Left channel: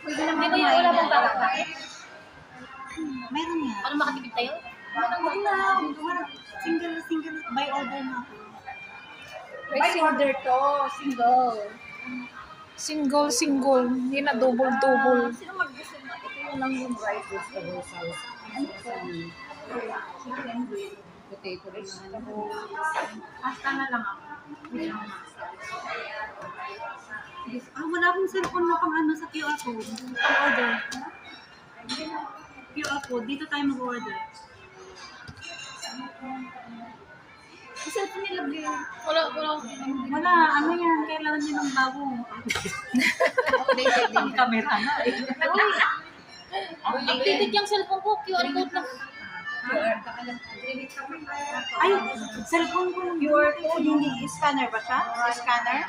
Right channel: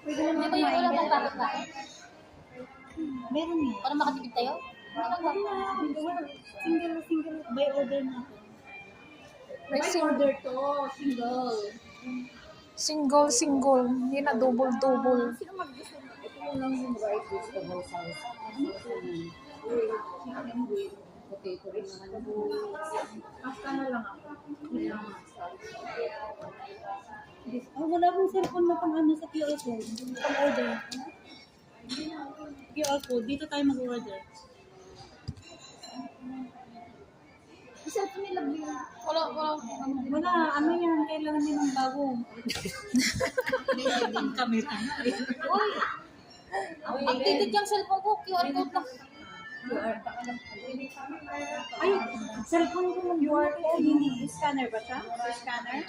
Pwede naman May ba wala pang tatak? Meron nga. Para makatipid tayo? Wala. Single. By order na ako. By order to, single. Single. Hindi na double. Sino mag-gusto na? Ito yung lang yung rice vegetable sauce. Ano to? Chicken with potato vegetable. Pasta na lang ako. Wala akong cellphone na pang ano sa QR code. Pang order. QR code. Dito tayo mag-order. Yung cellphone nila, Blair. Wala. Ano yan? Kailangan nyo ng bago. Updated din. Ang camera na eh. Updated yung cellphone ko. QR code lang. Ay, cellphone ko lang. QR code, yung scanner ba siya? Scanner?